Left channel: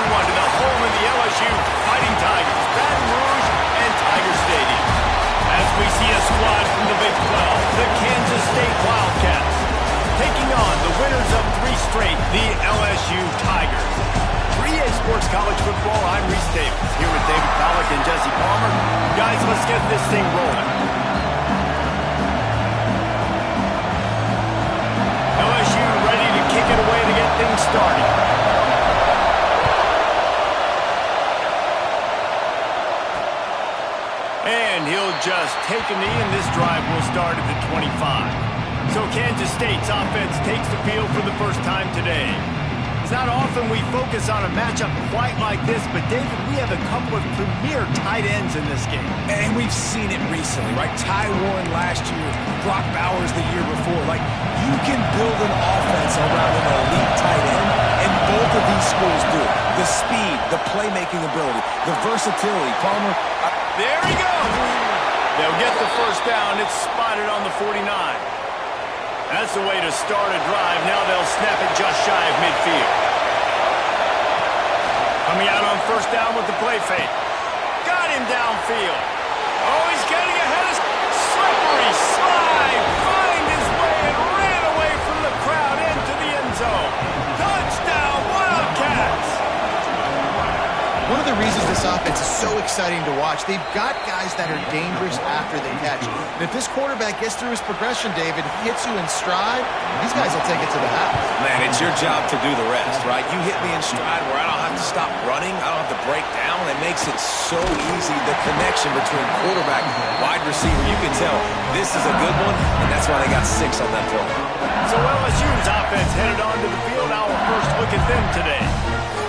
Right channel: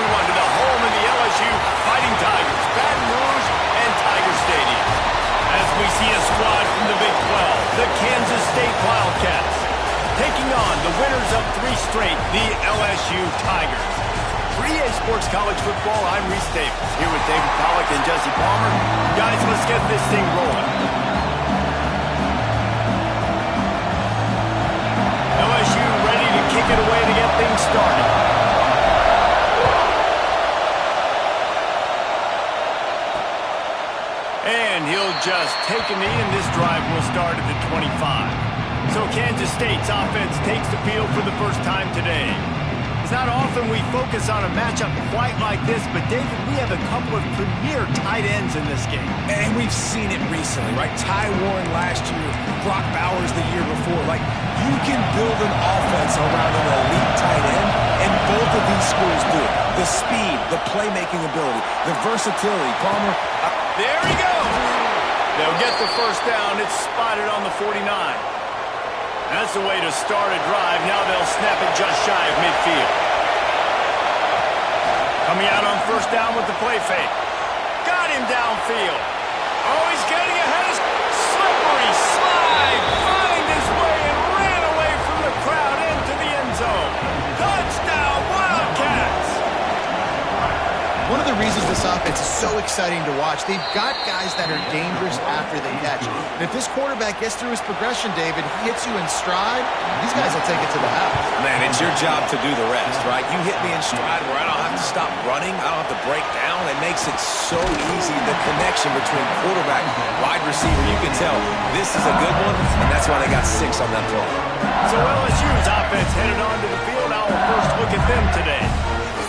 everyone to the home of the LSU Fighting Tigers, Baton Rouge and Tiger Stadium. As we see a squad from the Big 12, the Kansas State Wildcats, taking on the winners of 3 straight, the LSU Tigers. For EA Sports College Football, I'm Reese Davis, here with David Pollack and Jesse Palmer. Guys, let's get this thing rolling. LSU ready to kick it away to get things started. And he'll just take a knee, and this drive will start at the 25. So Kansas State's offense takes the field for the first time today. It's not often we focus on a matchup quite like this, but David, we have a couple of premier tight ends in this game. And we've seen it recently, right? Ty Warren last year, Brock Bowers the year before. Like, you can build an offense around an elite tight end, and both of these schools do it. The speed, the playmaking ability, the versatility. Palmer. There he goes. They'll get the first down. It's spotted on the 49. That's the way to start a drive. Now they'll snap it just shy of midfield. Coming out on first down with the play fake. Got him downfield. Oh, he's getting ahead of slippery slide. Find his way and ran away from the crowd into the end zone. Touchdown, Wildcats. One of the reasons this offense is so exciting to watch, they've got guys that are dangerous after they catch. And if this quarterback gets through his progression, David, hits you in stride, these guys will take it to the house. Man, it's your job to do the rest, right? You hit me in stride where I don't have to stop running. I don't have to break down. It makes it so easy, the connection between quarterback and wide receiver. You can tell this is a good one, and that's why they got 6 on that play. So LSU's offense headed onto the field. Our first look at them today.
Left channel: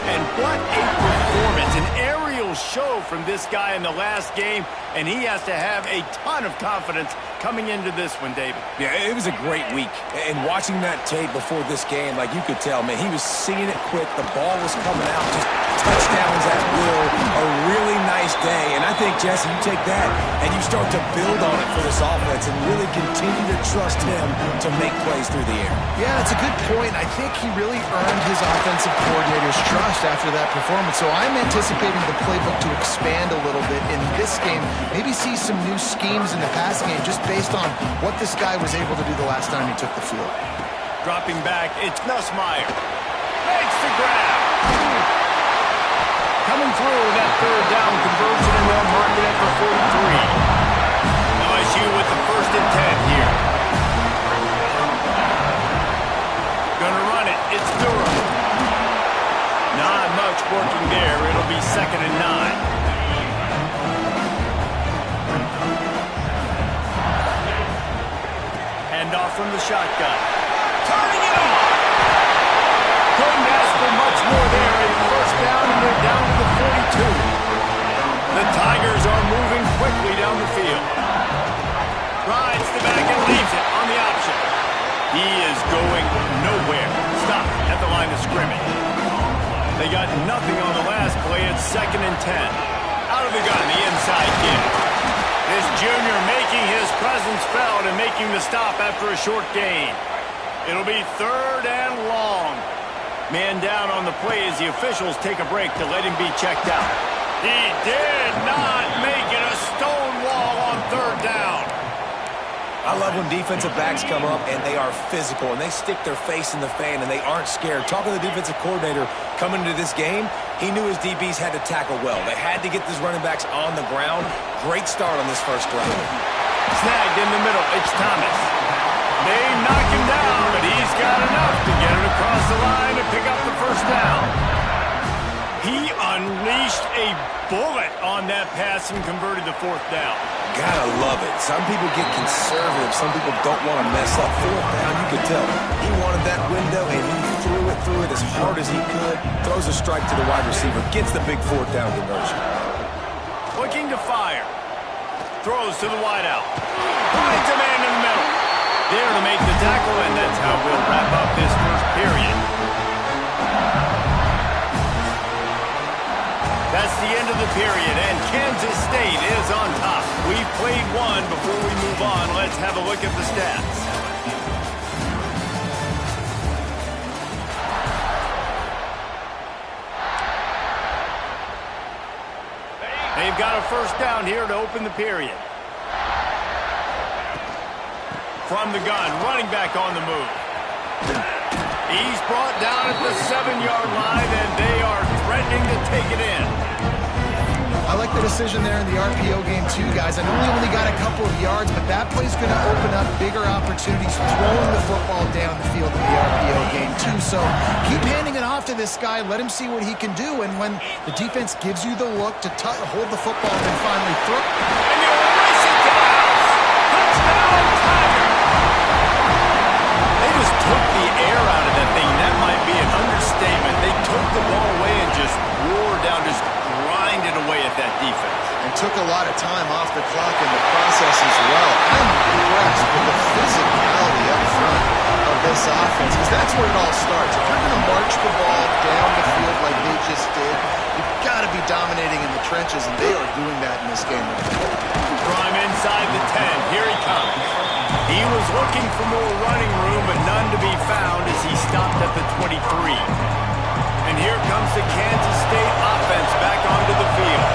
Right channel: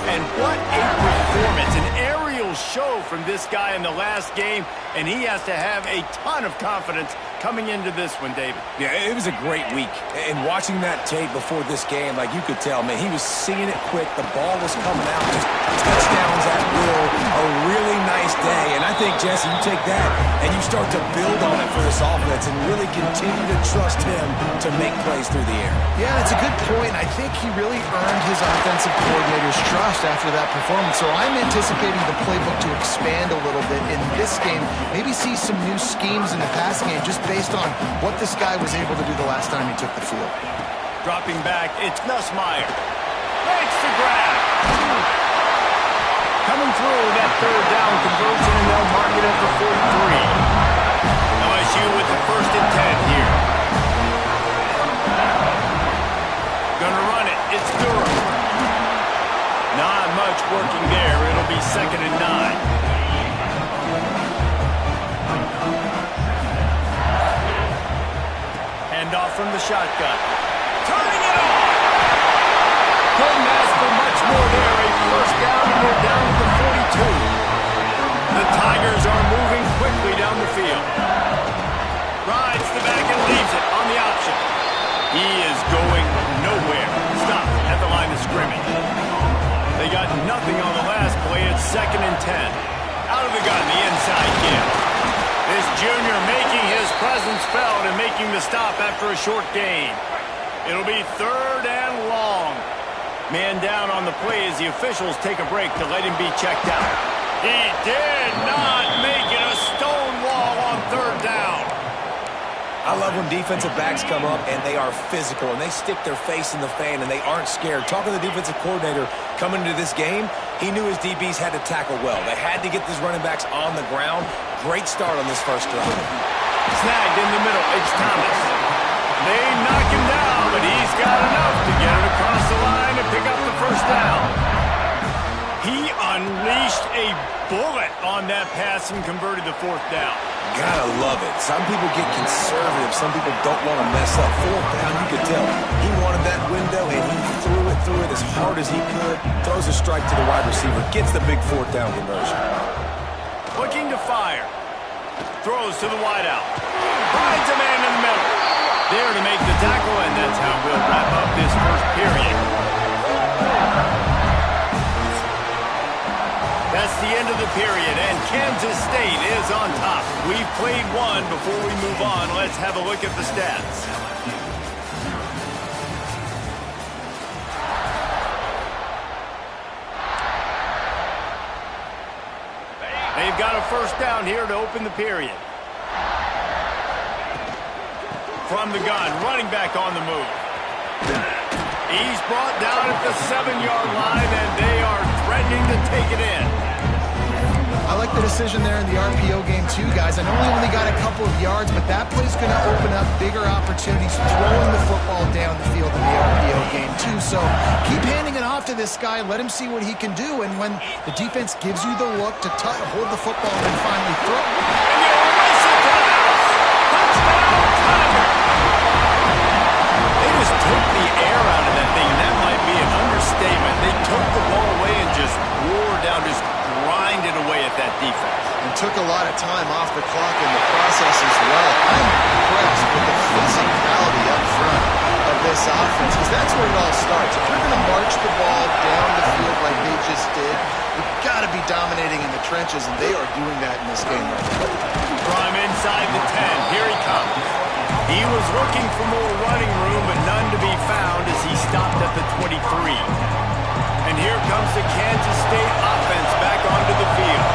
And what a performance, an aerial show from this guy in the last game, and he has to have a ton of confidence coming into this one, David. Yeah, it was a great week. And watching that tape before this game, like you could tell, man, he was seeing it quick. The ball was coming out, just touchdowns at will. A really nice day. And I think, Jesse, you take that and you start to build on it for this offense and really continue to trust him to make plays through the air. Yeah, it's a good point. I think he really earned his offensive coordinator's trust after that performance. So I'm anticipating the playbook to expand a little bit in this game. Maybe see some new schemes in the passing game just based on what this guy was able to do the last time he took the field. Dropping back, it's Nussmeier. Makes the grab. Coming through that third down conversion, and they'll mark it at the 43. LSU with the 1st and 10 here. Gonna run it. It's Durham. Not much working there. It'll be 2nd and 9. Handoff from the shotgun. Turning it on! Couldn't ask for much more there. A first down, and they're down to the 42. The Tigers are moving quickly down the field. Rides the back and leaves it on the option. He is going nowhere. Stop at the line of scrimmage. They got nothing on the last play. It's 2nd and 10. Out of the gun, the inside give. This junior making his presence felt and making the stop after a short gain. It'll be 3rd and long. Man down on the play as the officials take a break to let him be checked out. He did not make it. A stone wall on 3rd down. I love when defensive backs come up and they are physical and they stick their face in the fan and they aren't scared. Talking to the defensive coordinator coming into this game, he knew his DBs had to tackle well. They had to get these running backs on the ground. Great start on this first drive. Snagged in the middle. It's Thomas. They knock him down, but he's got enough to get it across the line and pick up the first down. He unleashed a bullet on that pass and converted the 4th down. Gotta love it. Some people get conservative. Some people don't want to mess up. 4th down, you could tell. He wanted that window, and he threw it as hard as he could. Throws a strike to the wide receiver. Gets the big 4th down conversion. Looking to fire. Throws to the wideout. Finds a man in the middle. There to make the tackle, and that's how we'll wrap up this first period. That's the end of the period, and Kansas State is on top. We've played one. Before we move on, let's have a look at the stats. They've got a first down here to open the period. From the gun, running back on the move. He's brought down at the 7-yard line, and they are threatening to take it in. I like the decision there in the RPO game too, guys. I know he only got a couple of yards, but that play's going to open up bigger opportunities throwing the football down the field in the RPO game too. So keep handing it off to this guy. Let him see what he can do. And when the defense gives you the look to hold the football and then finally throw. And they'll race it to the house. Touchdown, Tiger. They just took the air out of that thing. That might be an understatement. They took the ball away and just wore down, just grinded away at that defense. And took a lot of time off the clock in the process as well. I'm impressed with the physicality up front of this offense, because that's where it all starts. If you're going to march the ball down the field like they just did, you've got to be dominating in the trenches, and they are doing that in this game right now. Draw him inside the 10. Here he comes. He was looking for more running room, but none to be found as he stopped at the 23. And here comes the Kansas State offense back onto the field.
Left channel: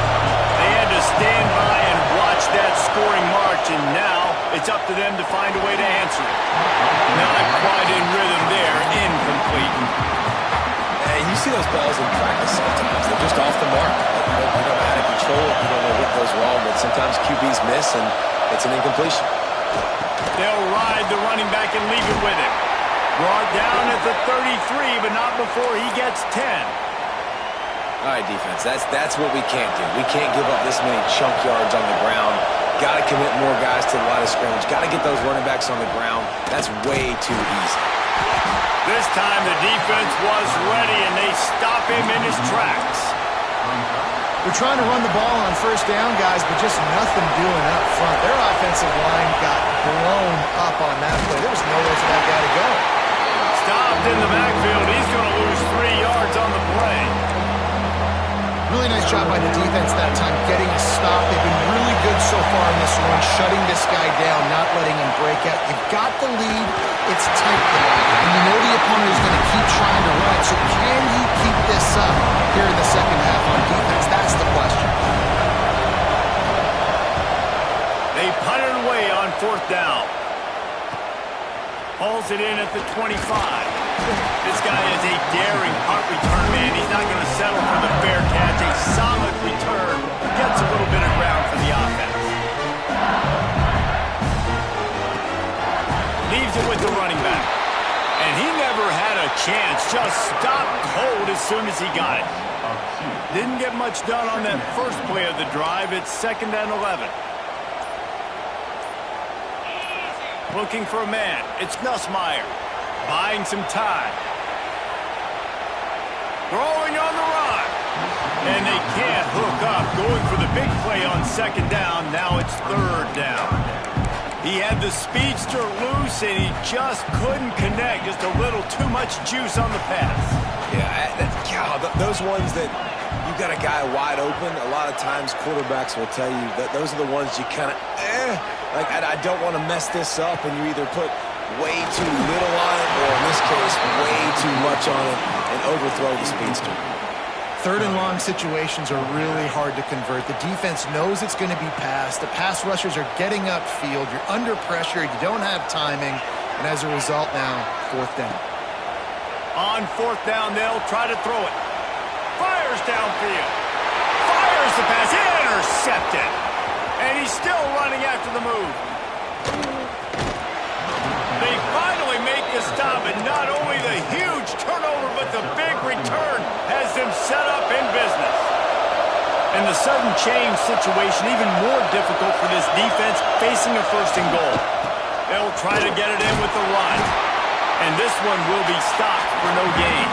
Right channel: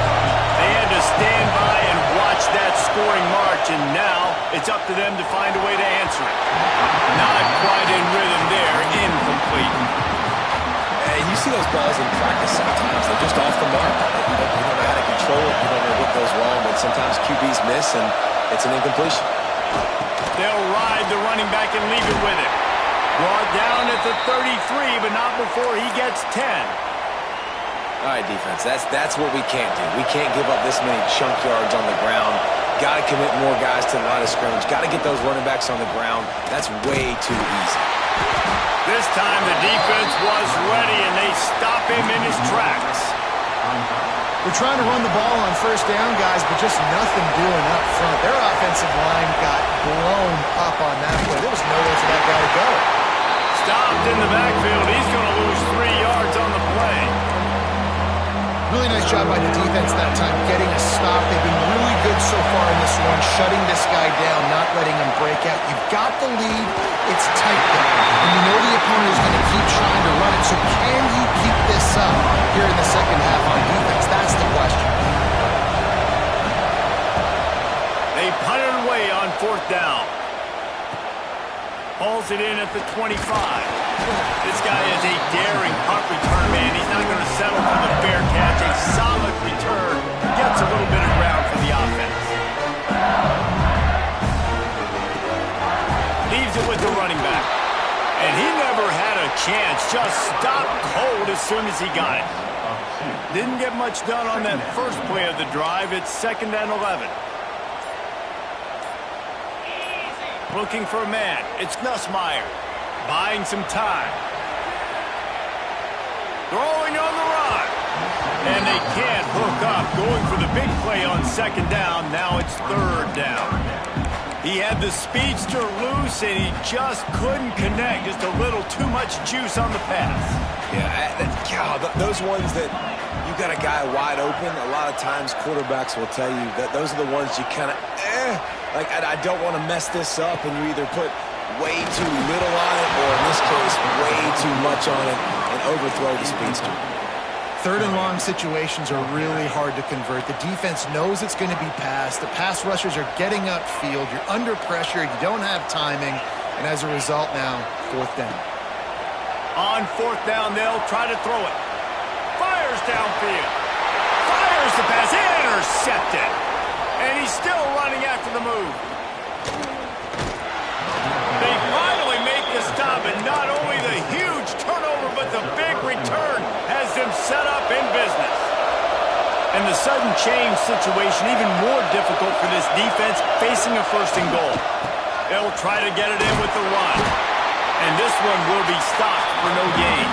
They had to stand by and watch that scoring march, and now it's up to them to find a way to answer it. Not quite in rhythm there, incomplete. You see those balls in practice sometimes. They're just off the mark. You don't know how to control it. You don't know what goes wrong, but sometimes QBs miss, and it's an incompletion. They'll ride the running back and leave it with him. Brought down at the 33, but not before he gets 10. All right, defense, that's what we can't do. We can't give up this many chunk yards on the ground. Got to commit more guys to the line of scrimmage. Got to get those running backs on the ground. That's way too easy. This time the defense was ready, and they stop him in his tracks. They're trying to run the ball on first down, guys, but just nothing doing up front. Their offensive line got blown up on that play. There was nowhere for that guy to go. Stopped in the backfield. He's going to lose 3 yards on the play. Really nice job by the defense that time, getting a stop. They've been really good so far in this one, shutting this guy down, not letting him break out. You've got the lead. It's tight there. And you know the opponent is going to keep trying to run it. So can you keep this up here in the second half on defense? That's the question. They punted away on fourth down. Hauls it in at the 25. This guy is a daring punt return man. He's not going to settle for the fair catch. A solid return. Gets a little bit of ground for the offense. Leaves it with the running back. And he never had a chance. Just stopped cold as soon as he got it. Didn't get much done on that first play of the drive. It's 2nd and 11. Looking for a man. It's Nussmeier. Buying some time. Throwing on the run. And they can't hook up. Going for the big play on 2nd down. Now it's 3rd down. He had the speedster loose, and he just couldn't connect. Just a little too much juice on the pass. Yeah, those ones that you got a guy wide open, a lot of times quarterbacks will tell you that those are the ones you kind of, like, I don't want to mess this up, and you either put way too little on it, or in this case, way too much on it, and overthrow the speedster. 3rd and long situations are really hard to convert. The defense knows it's going to be passed. The pass rushers are getting upfield. You're under pressure. You don't have timing. And as a result now, 4th down. On 4th down, they'll try to throw it. Fires downfield. Fires the pass. Intercepted. And he's still running after the move. They finally make the stop, and not only the huge turnover, but the big return has them set up in business. And the sudden change situation even more difficult for this defense facing a 1st and goal. They'll try to get it in with the run. And this one will be stopped for no gain.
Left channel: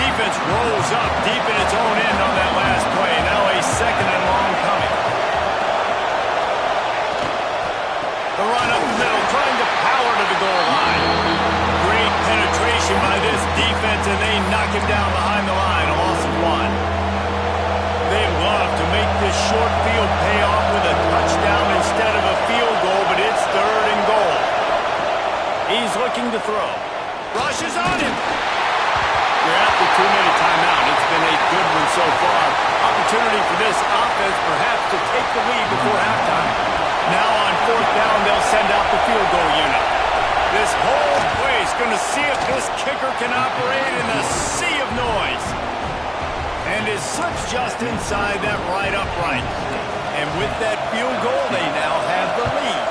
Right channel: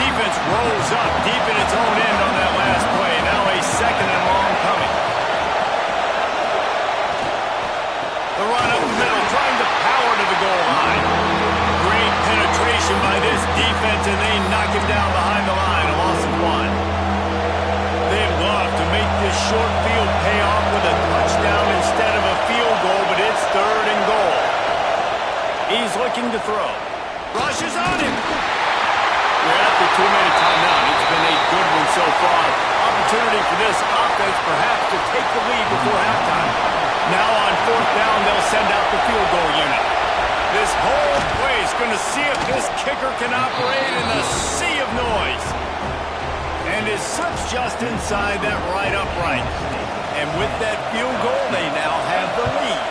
Defense rolls up deep in its own end on that last play. Now a 2nd and long coming. The run up the middle, trying to power to the goal line. Great penetration by this defense, and they knock him down behind the line. A loss of 1. They'd love to make this short field pay off with a touchdown instead of a field goal, but it's 3rd and goal. He's looking to throw. Rushes on him. We're at the 2-minute timeout. It's been a good one so far. Opportunity for this offense perhaps to take the lead before halftime. Now on 4th down, they'll send out the field goal unit. This whole place going to see if this kicker can operate in the sea of noise. And it slips just inside that right upright. And with that field goal, they now have the lead.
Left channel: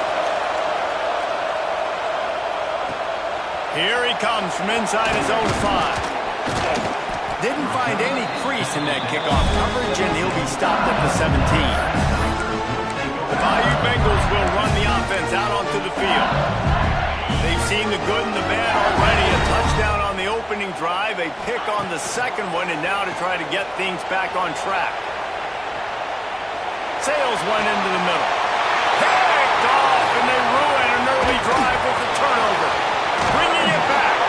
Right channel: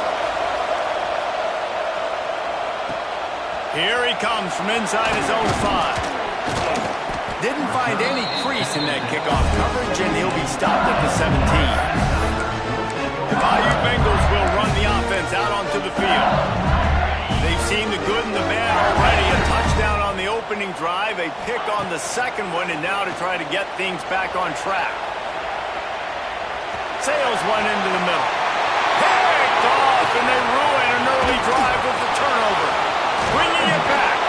Here he comes from inside his own 5. Didn't find any crease in that kickoff coverage, and he'll be stopped at the 17. The Bayou Bengals will run the offense out onto the field. They've seen the good and the bad already. A touchdown on the opening drive, a pick on the second one, and now to try to get things back on track. Sales went into the middle. Picked off, and they ruin an early drive with the turnover. Bringing it back.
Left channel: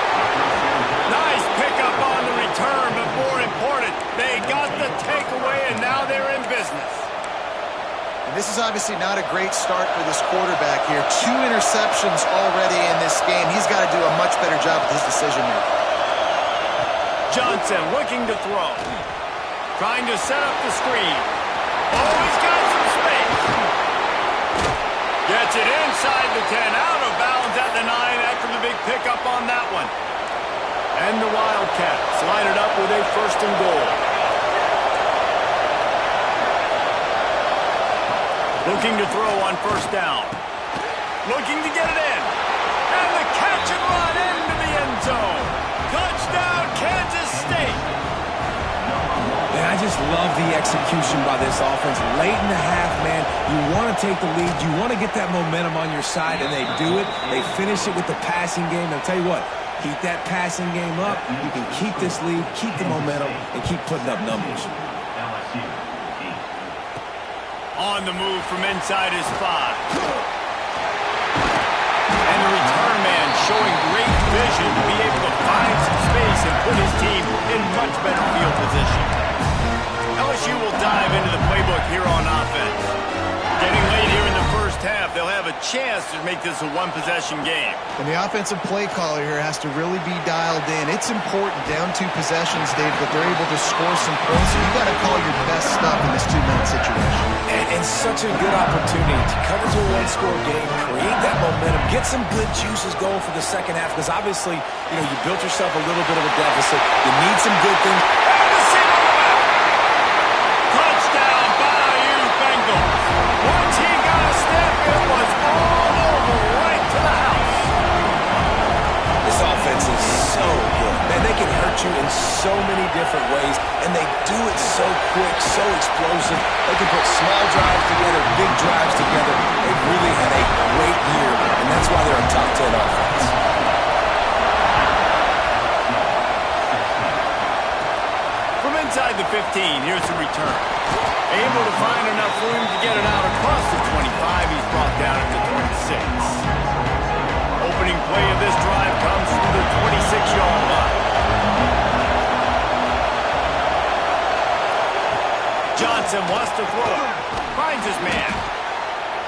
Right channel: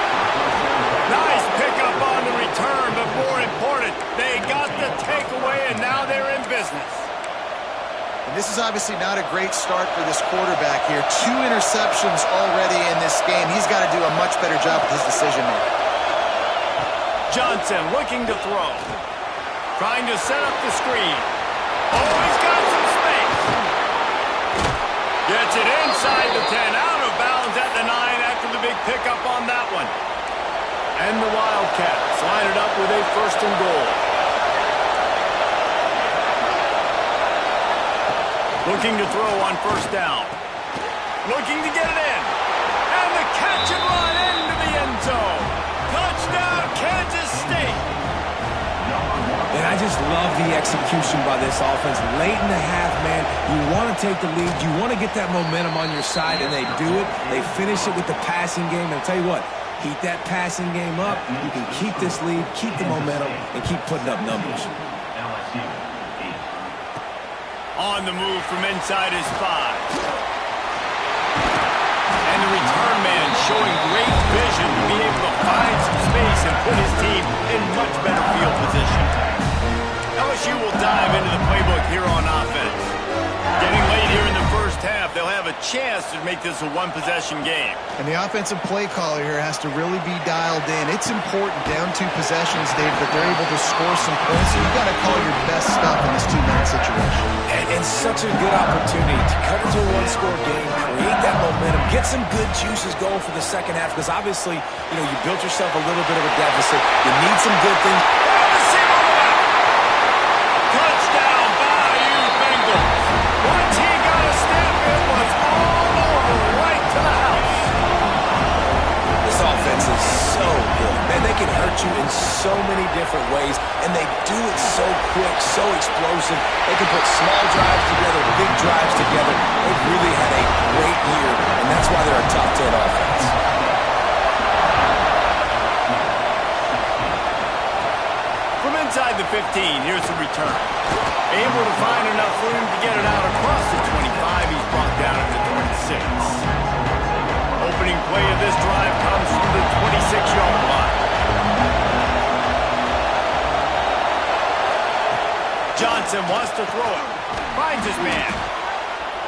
Nice pickup on the return, but more important, they got the takeaway, and now they're in business. And this is obviously not a great start for this quarterback here. 2 interceptions already in this game. He's got to do a much better job with his decision-making. Johnson looking to throw. Trying to set up the screen. Oh, he's got some space. Gets it inside the 10, out of bounds at the 9 after the big pickup on that one. And the Wildcats line it up with a 1st and goal. Looking to throw on 1st down. Looking to get it in. And the catch and run into the end zone. Touchdown, Kansas State. And I just love the execution by this offense. Late in the half, man, you want to take the lead. You want to get that momentum on your side, and they do it. They finish it with the passing game. And I'll tell you what, keep that passing game up. You can keep this lead, keep the momentum, and keep putting up numbers. On the move from inside his 5. And the return man showing great vision to be able to find some space and put his team in much better field position. LSU will dive into the playbook here on offense. Getting late here in the 1st half, they'll have a chance to make this a 1-possession game. And the offensive play caller here has to really be dialed in. It's important down 2 possessions, Dave, that they're able to score some points. So you got to call your best stuff in this 2-minute situation. And such a good opportunity to cut into a 1-score game, create that momentum, get some good juices going for the 2nd half, because obviously, you built yourself a little bit of a deficit. You need some good things. And the seam on the back. Touchdown, Bayou Bengals. Once he got a step, it was all over, right to the house. This offense is so good. Man, they can hurt you in so many different ways, and they do it so quick, so explosive. They can put small drives together, big drives together. They've really had a great year, and that's why they're a top 10 offense. From inside the 15, here's the return. Able to find enough room to get it out across the 25. He's brought down at the 26. Opening play of this drive comes from the 26-yard line. Johnson wants to throw it. Finds his man.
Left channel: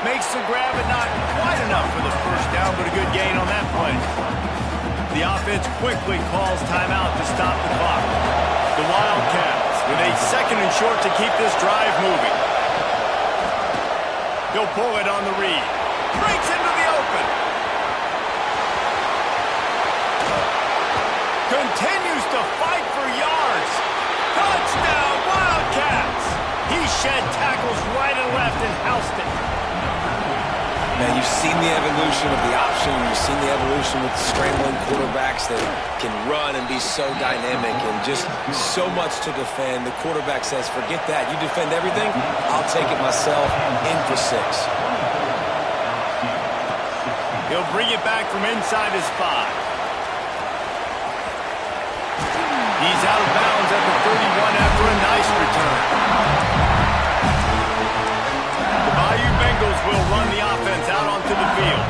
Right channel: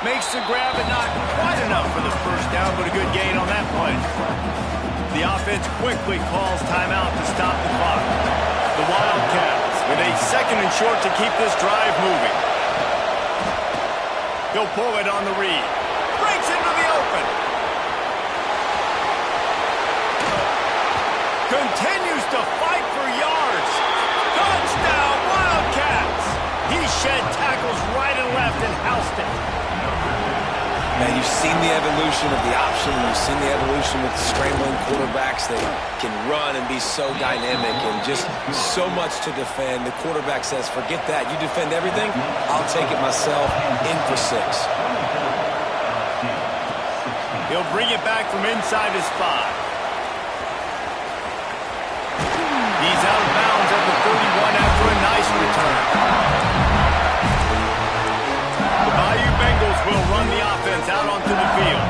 Makes the grab, but not quite enough for the 1st down, but a good gain on that play. The offense quickly calls timeout to stop the clock. The Wildcats with a 2nd and short to keep this drive moving. He'll pull it on the read. Breaks into the open. Continues to fight for yards. Touchdown, Wildcats! He shed tackles right and left and housed it. Man, you've seen the evolution of the option. You've seen the evolution with scrambling quarterbacks that can run and be so dynamic and just so much to defend. The quarterback says, forget that. You defend everything, I'll take it myself. In for 6. He'll bring it back from inside his 5. He's out of bounds at the 31 after a nice return. The Bayou Bengals will run the offense out onto the field.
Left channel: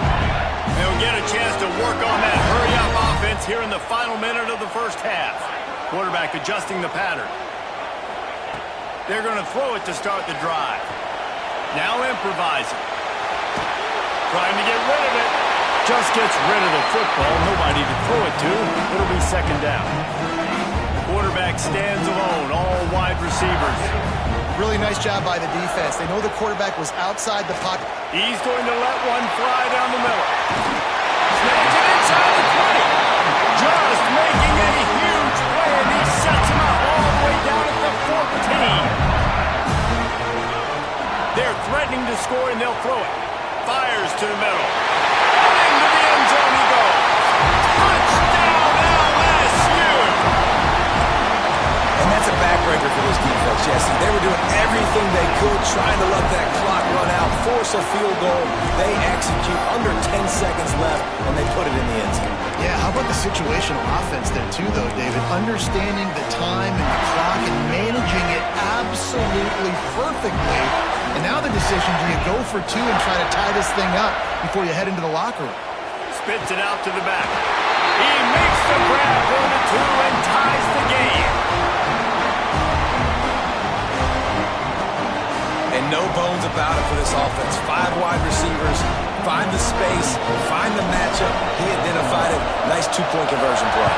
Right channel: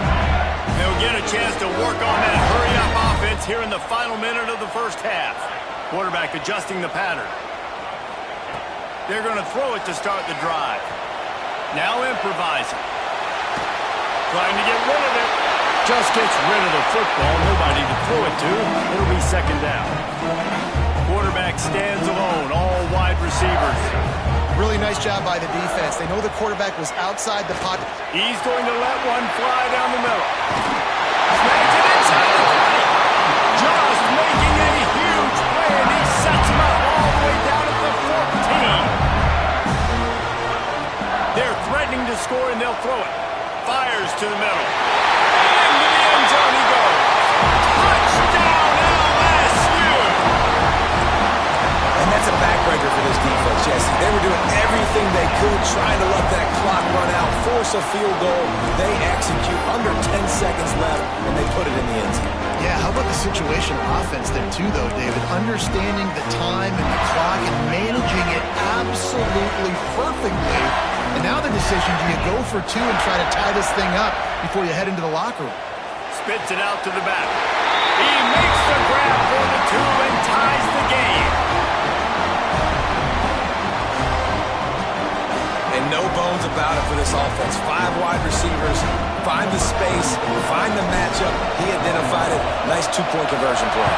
They'll get a chance to work on that hurry-up offense here in the final minute of the 1st half. Quarterback adjusting the pattern. They're going to throw it to start the drive. Now improvising. Trying to get rid of it. Just gets rid of the football. Nobody to throw it to. It'll be 2nd down. Quarterback stands alone, all wide receivers. Really nice job by the defense. They know the quarterback was outside the pocket. He's going to let one fly down the middle. Snags it inside the 20. Just making a huge play, and he sets him up all the way down at the 14. They're threatening to score, and they'll throw it. Fires to the middle. And into the end zone he goes. Touchdown, LSU! And that's a backbreaker for this defense, Jesse. They were doing everything they could, trying to let that clock run out, force a field goal. They execute under 10 seconds left, and they put it in the end zone. Yeah, how about the situational offense there too, though, David? Understanding the time and the clock and managing it absolutely perfectly. And now the decision, do you go for two and try to tie this thing up before you head into the locker room? Spits it out to the back. He makes the grab for the two and ties the game. And no bones about it for this offense. 5 wide receivers, find the space, find the matchup. He identified it. Nice 2-point conversion play.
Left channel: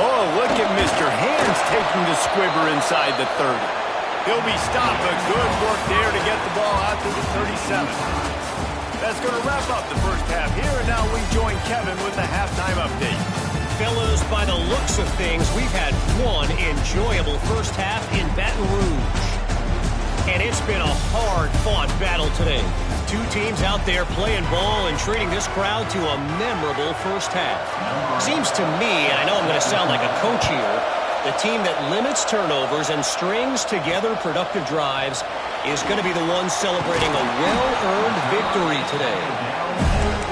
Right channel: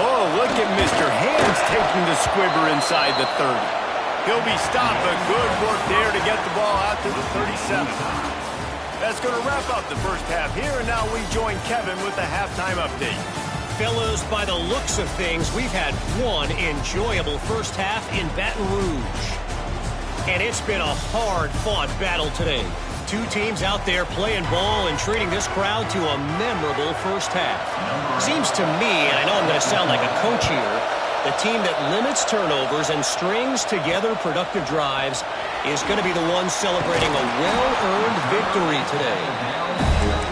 Oh, look at Mr. Hands taking the squibber inside the 30. He'll be stopped, but good work there to get the ball out to the 37. That's going to wrap up the first half here, and now we join Kevin with the halftime update. Fellas, by the looks of things, we've had one enjoyable first half in Baton Rouge. And it's been a hard-fought battle today. Two teams out there playing ball and treating this crowd to a memorable first half. Seems to me, and I know I'm going to sound like a coach here, the team that limits turnovers and strings together productive drives is going to be the one celebrating a well-earned victory today.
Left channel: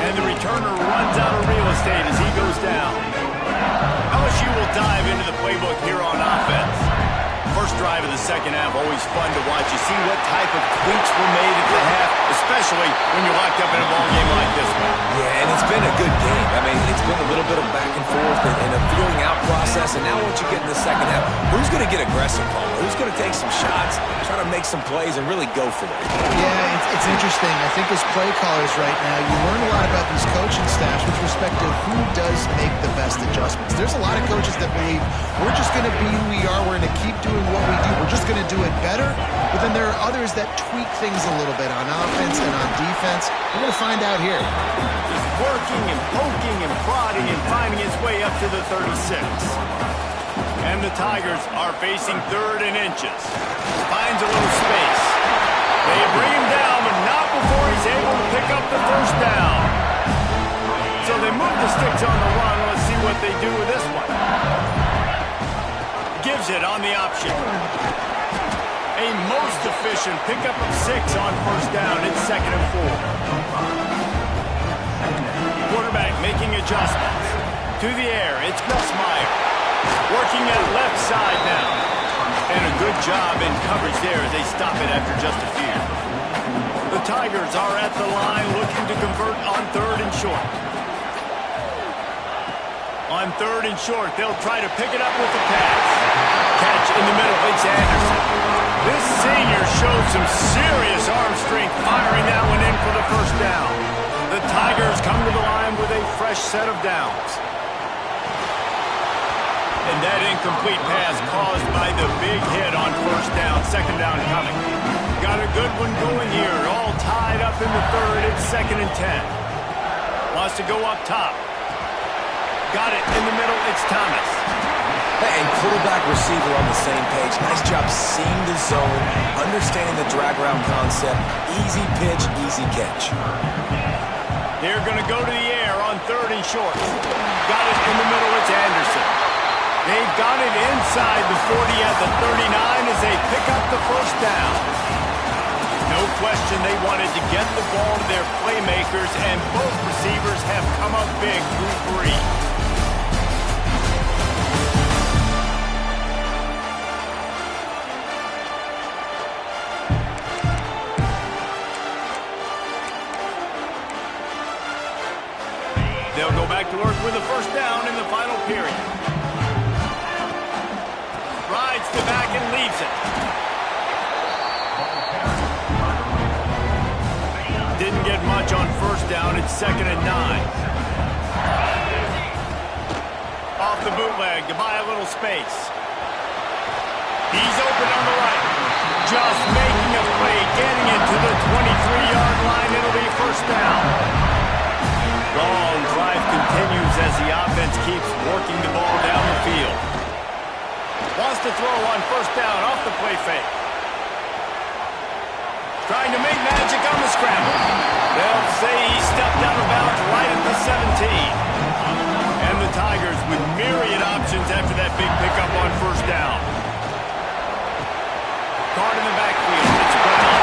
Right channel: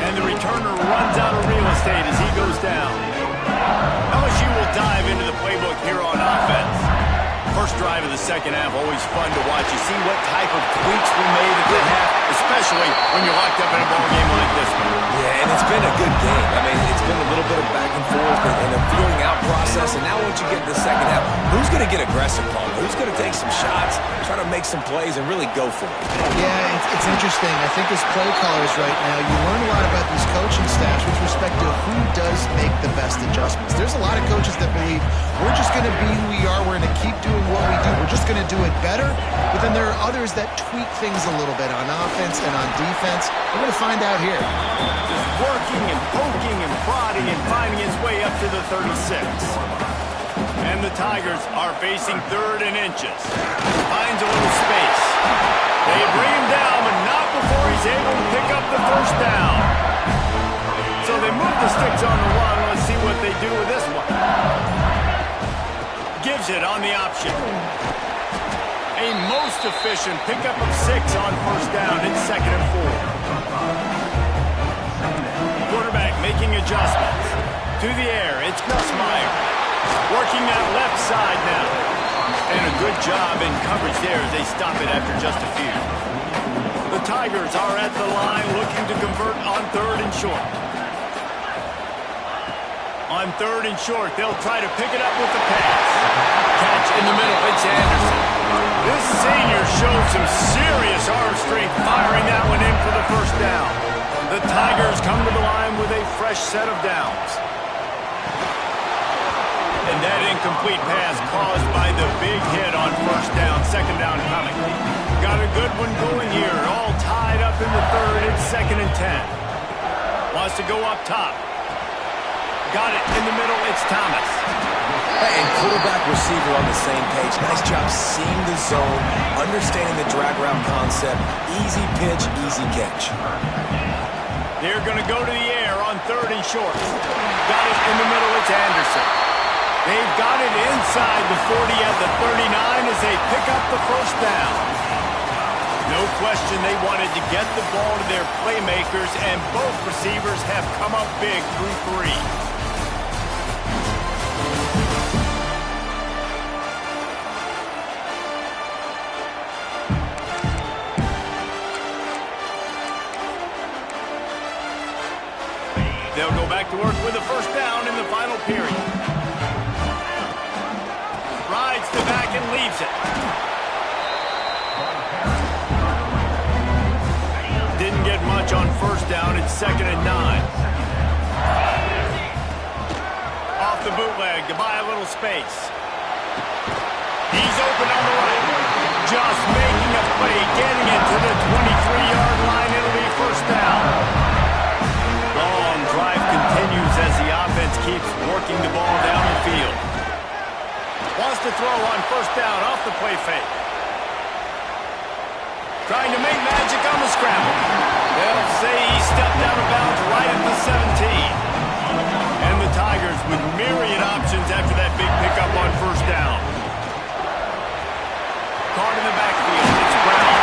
And the returner runs out of real estate as he goes down. LSU will dive into the playbook here on offense. First drive of the second half, always fun to watch. You see what type of tweaks were made at the half, especially when you're locked up in a ball game like this one. Yeah, and it's been a good game. I mean, it's been a little bit of back and forth and a feeling out process. And now once you get in the second half, who's going to get aggressive, Paul? Who's going to take some shots, try to make some plays, and really go for it? Yeah, it's interesting. I think as play callers right now, you learn a lot about these coaching staffs with respect to who does make the best adjustments. There's a lot of coaches that believe we're just going to be who we are. We're going to keep doing what we do. We're just going to do it better. But then there are others that tweak things a little bit on offense and on defense. We're going to find out here. Just working and poking and prodding and finding his way up to the 36. And the Tigers are facing 3rd and inches. Finds a little space. They bring him down, but not before he's able to pick up the first down. So they move the sticks on the run. Let's see what they do with this one. Gives it on the option. A most efficient pickup of 6 on first down. It's 2nd and 4. Quarterback making adjustments. To the air, it's Gus Meyer. Working that left side now. And a good job in coverage there as they stop it after just a few. The Tigers are at the line looking to convert on 3rd and short. On 3rd and short, they'll try to pick it up with the pass. Catch in the middle, it's Anderson. This senior showed some serious arm strength firing that one in for the first down. The Tigers come to the line with a fresh set of downs. And that incomplete pass caused by the big hit on first down, 2nd down coming. Got a good one going here, all tied up in the 3rd, it's 2nd and 10. Wants to go up top. Got it in the middle, it's Thomas. And quarterback receiver on the same page. Nice job seeing the zone, understanding the drag route concept. Easy pitch, easy catch. They're going to go to the air on 3rd and short. Got it in the middle, it's Anderson. They've got it inside the 40 at the 39 as they pick up the first down. No question they wanted to get the ball to their playmakers, and both receivers have come up big through 3. They'll go back to work with a first down in the final period. Rides the back and leaves it. Didn't get much on first down. It's 2nd and 9. Off the bootleg to buy a little space. He's open on the right. Just making a play, getting it to the 23-yard line. It'll be first down. Long drive continues as the offense keeps working the ball down the field. Wants to throw on first down off the play fake. Trying to make magic on the scramble. They'll say he stepped out of bounds right at the 17. And the Tigers with myriad options after that big pickup on first down. Card in the backfield. It's Brown.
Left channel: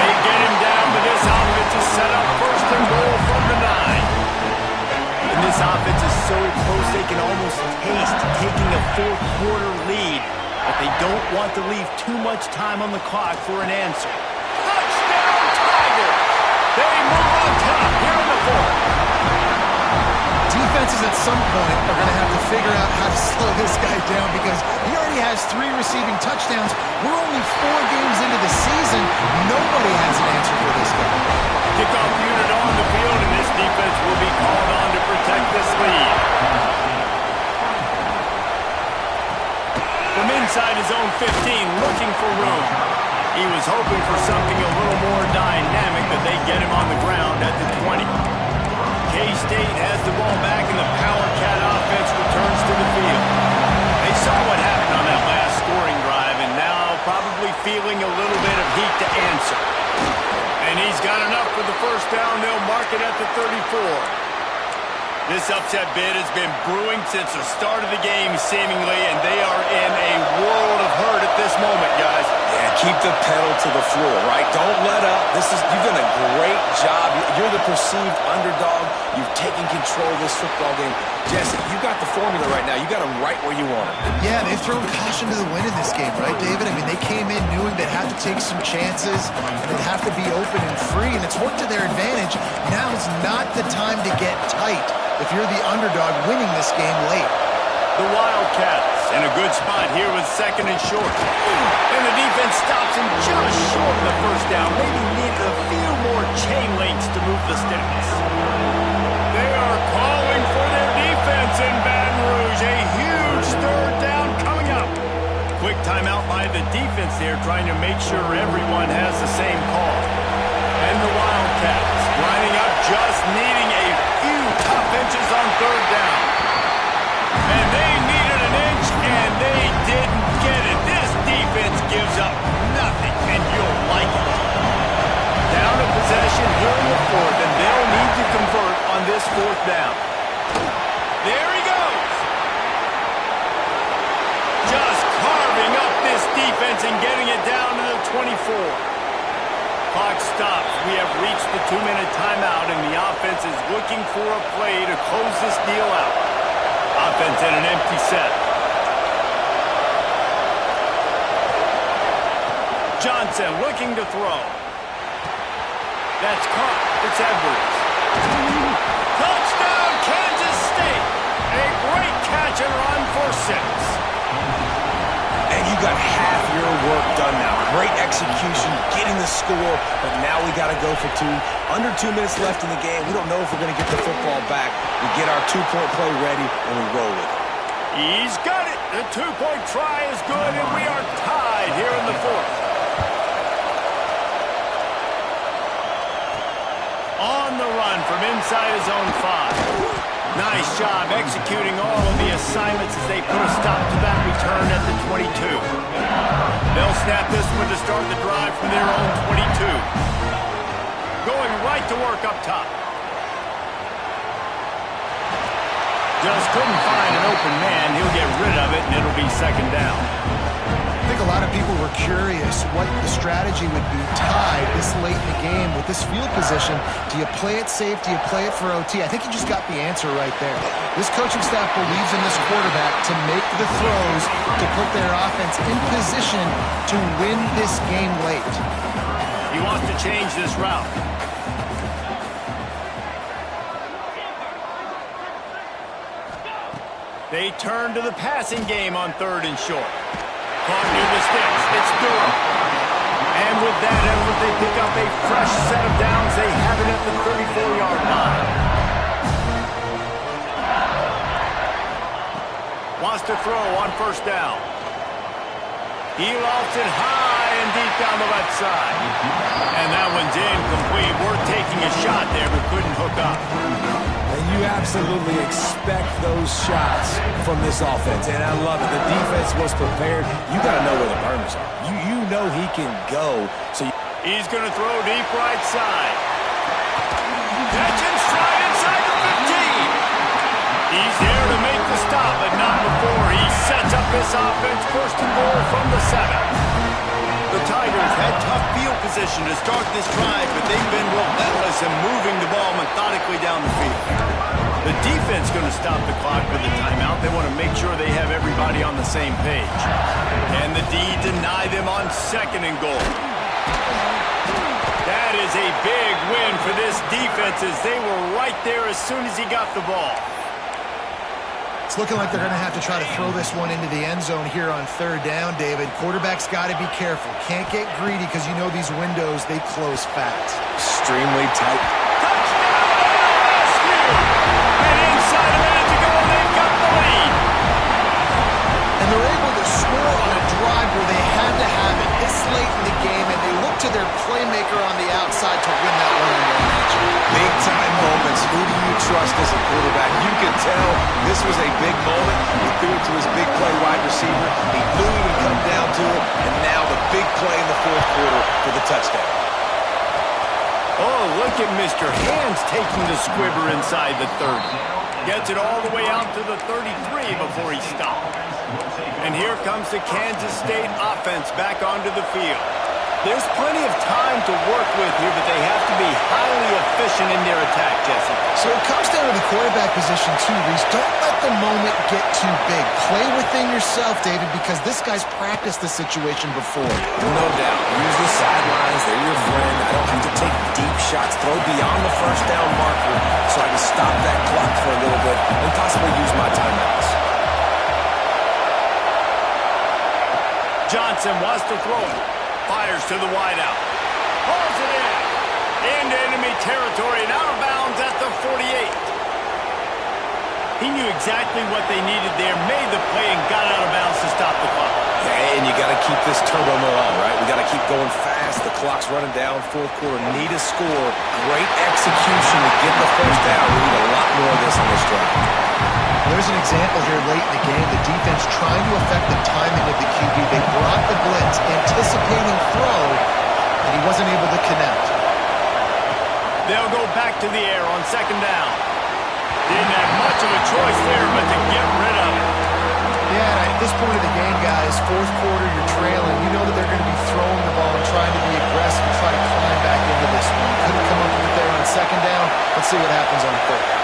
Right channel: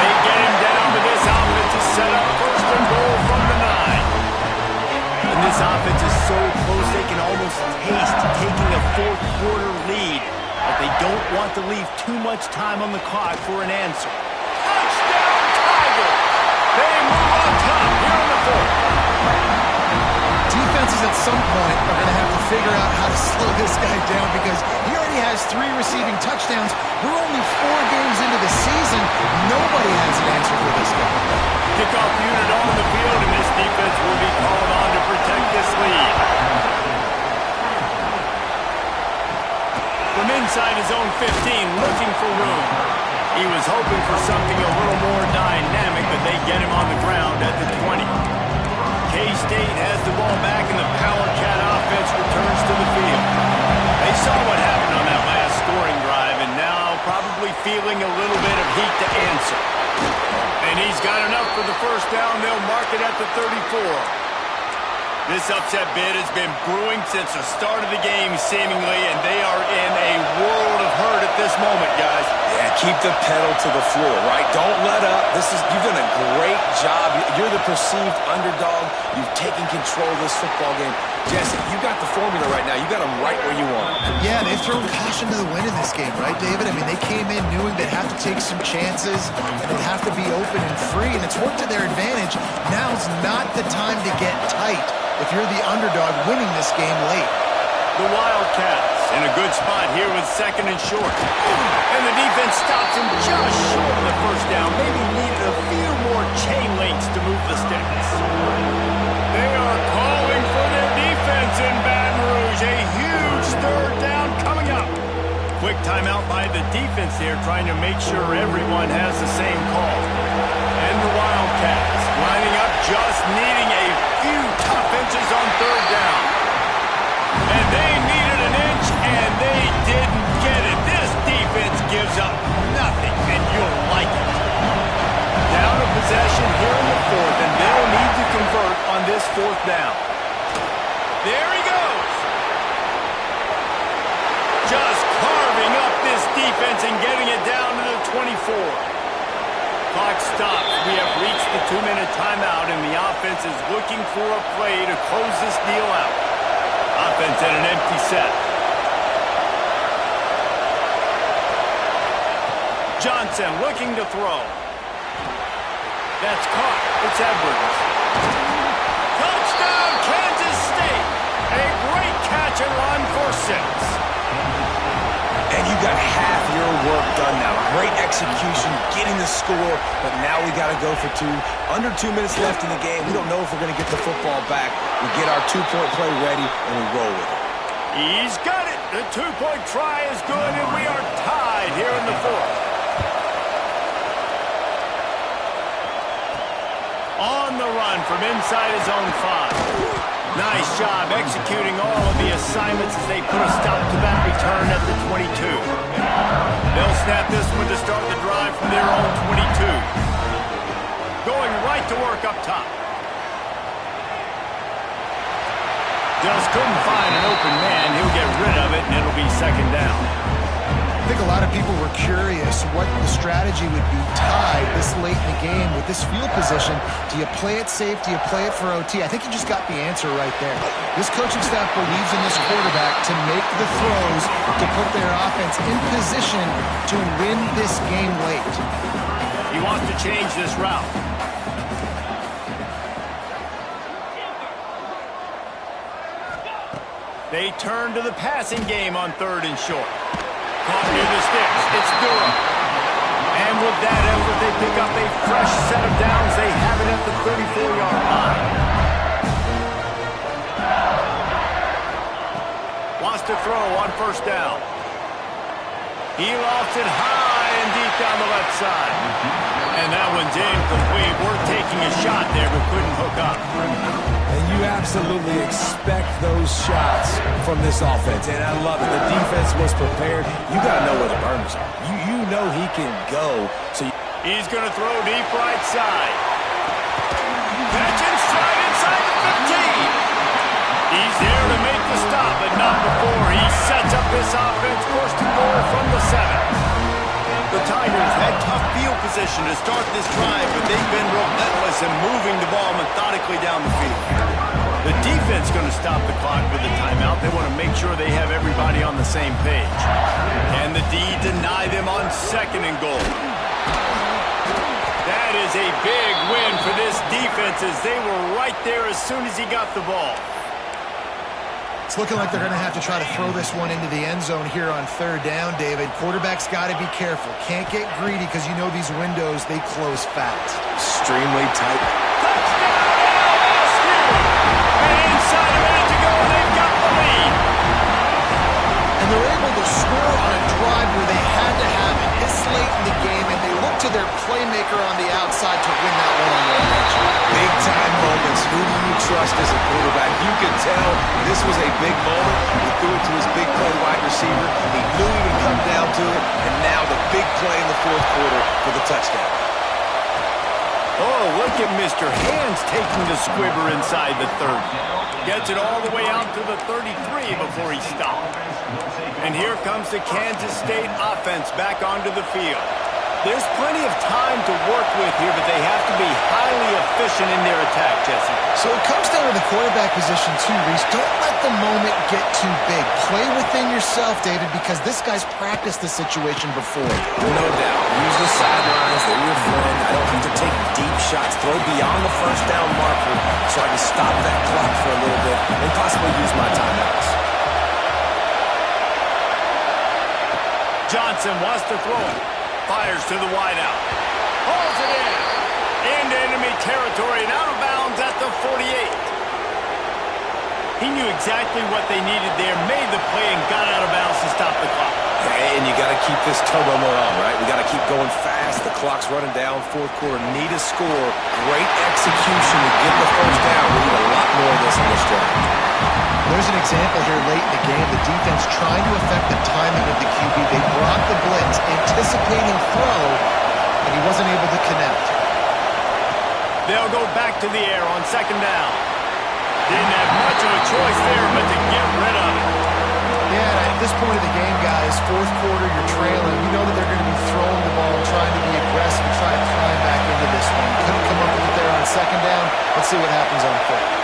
They get him down, but this offense is set up first and goal from the 9. And this offense is so close they can almost taste taking a fourth-quarter lead. But they don't want to leave too much time on the clock for an answer. Touchdown, Tigers! They move on top here in the fourth. Defenses at some point are going to have to figure out how to slow this guy down because he already has 3 receiving touchdowns. We're only 4 games into the season. Nobody has an answer for this guy. Kickoff unit on the field, and this defense will be called on to protect this lead. From inside his own 15, looking for room. He was hoping for something a little more dynamic, but they get him on the ground at the 20. K-State has the ball back, and the Power Cat offense returns to the field. They saw what happened on that last scoring drive, and now probably feeling a little bit of heat to answer. And he's got enough for the first down. They'll mark it at the 34. This upset bid has been brewing since the start of the game, seemingly, and they are in a world of hurt at this moment, guys. Yeah, keep the pedal to the floor, right? Don't let up. You've done a great job. You're the perceived underdog. You've taken control of this football game. Jesse, you got the formula right now. You got them right where you want them. Yeah, they've thrown caution to the wind in this game, right, David? I mean, they came in knowing they'd have to take some chances, and they'd have to be open and free, and it's worked to their advantage. Now's not the time to get tight if you're the underdog winning this game late. The Wildcats in a good spot here with second and short. And the defense stops him just short of the first down. Maybe needed a few more chain links to move the sticks. They are calling for their defense in Baton Rouge. A huge third down coming up. Quick timeout by the defense there, trying to make sure everyone has the same call. And the Wildcats lining up, just needing a few tough inches on third down. And they needed an inch, and they didn't get it. This defense gives up nothing, and you'll like it. Down a possession here in the fourth, and they'll need to convert on this fourth down. There he goes. Just carving up this defense and getting it down to the 24. Clock stops. We have reached the 2-minute timeout, and the offense is looking for a play to close this deal out. Offense in an empty set. Johnson looking to throw. That's caught. It's Edwards. Touchdown, Kansas State. A great catch and run for 6. And you got half your work done now. Great execution, getting the score, but now we got to go for 2. Under 2 minutes left in the game. We don't know if we're going to get the football back. We get our 2-point play ready, and we roll with it. He's got it. The 2-point try is good, and we are tied here in the fourth. On the run from inside his own 5. Nice job executing all of the assignments as they put a stop to that return at the 22. They'll snap this one to start the drive from their own 22. Going right to work up top. Just couldn't find an open man. He'll get rid of it, and it'll be second down. I think a lot of people were curious what the strategy would be tied this late in the game with this field position. Do you play it safe? Do you play it for OT? I think you just got the answer right there. This coaching staff believes in this quarterback to make the throws to put their offense in position to win this game late. He wants to change this route. They turn to the passing game on third and short. Caught near the sticks. It's Durham. And with that effort, they pick up a fresh set of downs. They have it at the 34-yard line. Wants to throw on first down. He lofts it high and deep down the left side. And that one's incomplete. We're taking a shot there, but couldn't hook up. And you absolutely expect those shots from this offense. And I love it. The defense was prepared. You got to know where the burners are. You know he can go. He's going to throw deep right side. Catch and stride inside the 15. He's there to make the stop, but not before he sets up this offense first and goal from the 7. The Tigers had tough field position to start this drive, but they've been relentless in moving the ball methodically down the field. The defense going to stop the clock with a timeout. They want to make sure they have everybody on the same page. And the D deny them on 2nd and goal. That is a big win for this defense as they were right there as soon as he got the ball. It's looking like they're going to have to try to throw this one into the end zone here on 3rd down, David. Quarterback's got to be careful. Can't get greedy because you know these windows, they close fast. Extremely tight. Touchdown LSU! And inside a minute to go, and they've got the lead. And they're able to score on a drive where they had to have it this late in the game, and they look to their playmaker on the outside to win that one-on-one matchup. Big-time moments. Who do you trust as a quarterback? You can tell this was a big moment. He threw it to his big play wide receiver. He knew he would come down to it, and now the big play in the 4th quarter for the touchdown. Oh, look at Mr. Hands taking the squibber inside the 30. Gets it all the way out to the 33 before he stopped. And here comes the Kansas State offense back onto the field. There's plenty of time to work with here, but they have to be highly efficient in their attack, Jesse. So it comes down to the quarterback position too, Reese. Don't let the moment get too big. Play within yourself, David, because this guy's practiced the situation before. No doubt. Use the sidelines. They're your friend. I don't have to take deep shots. Throw beyond the first down marker so I can stop that clock for a little bit and possibly use my timeouts. Johnson wants to throw it. Fires to the wideout. Pulls it in. Into enemy territory and out of bounds at the 48. He knew exactly what they needed there, made the play, and got out of bounds to stop the clock. Yeah, and you got to keep this turbo mode on, right? We got to keep going fast. The clock's running down. 4th quarter. Need a score. Great execution to get the first down. We need a lot more of this on this drive. There's an example here late in the game. The defense trying to affect the timing of the QB. They brought the blitz, anticipating throw, and he wasn't able to connect. They'll go back to the air on 2nd down. Didn't have much of a choice there, but to get rid of it. Yeah, and at this point of the game, guys, 4th quarter, you're trailing. You know that they're going to be throwing the ball and trying to be aggressive and try to climb back into this one. Couldn't come up with it there on 2nd down. Let's see what happens on 3rd.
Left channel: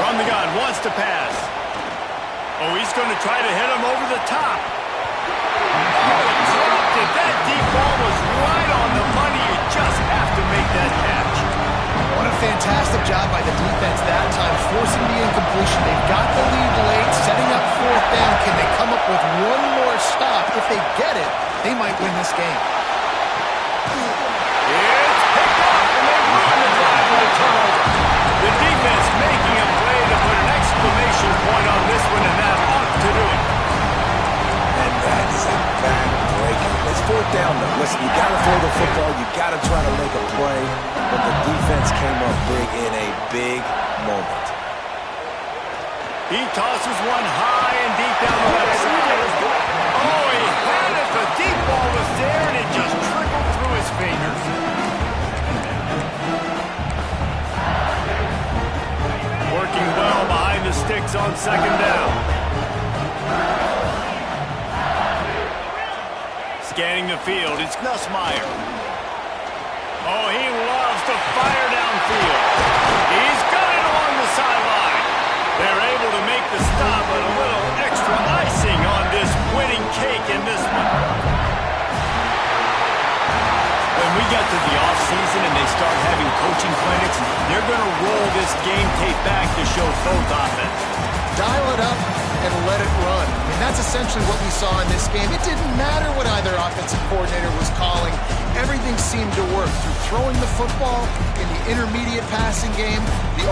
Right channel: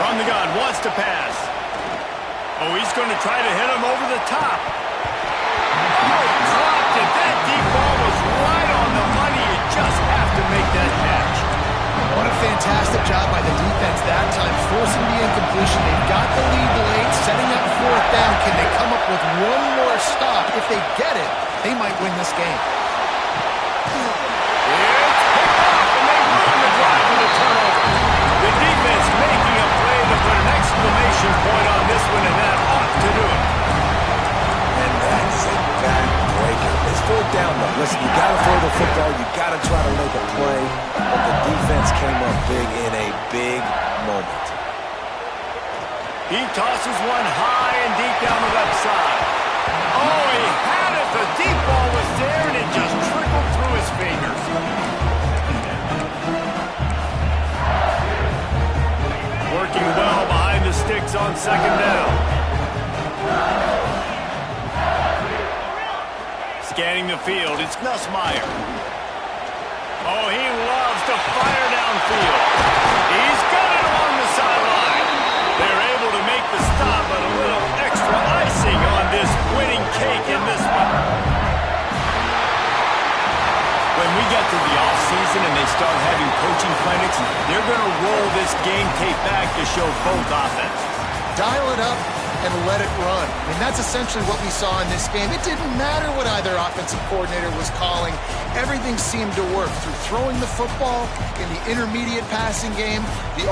From the gun, wants to pass. Oh, he's going to try to hit him over the top. Oh, he dropped it. That deep ball was right on the money. You just have to make that catch. What a fantastic job by the defense that time, forcing the incompletion. They've got the lead late, setting up 4th down. Can they come up with one more stop? If they get it, they might win this game. It's picked off, and they ruin the drive with a turnover. The defense making a play to put an exclamation point on this one, and that ought to do it. And that is a back-breaker. It's 4th down, though. Listen, you got to throw the football. You got to try to make a play. But the defense came up big in a big moment. He tosses one high and deep down the left side. Oh, he had it. The deep ball was there, and it just trickled through his fingers. Working well behind the sticks on 2nd down. Scanning the field, it's Nussmeier. Oh, he loves to fire downfield. He's got it along the sideline. They're able to make the stop, but a little extra icing on this winning cake in this one. When we get to the offseason and they start having coaching clinics, they're going to roll this game tape back to show both offense. Dial it up and let it run. I mean, that's essentially what we saw in this game. It didn't matter what either offensive coordinator was calling. Everything seemed to work through throwing the football in the intermediate passing game. The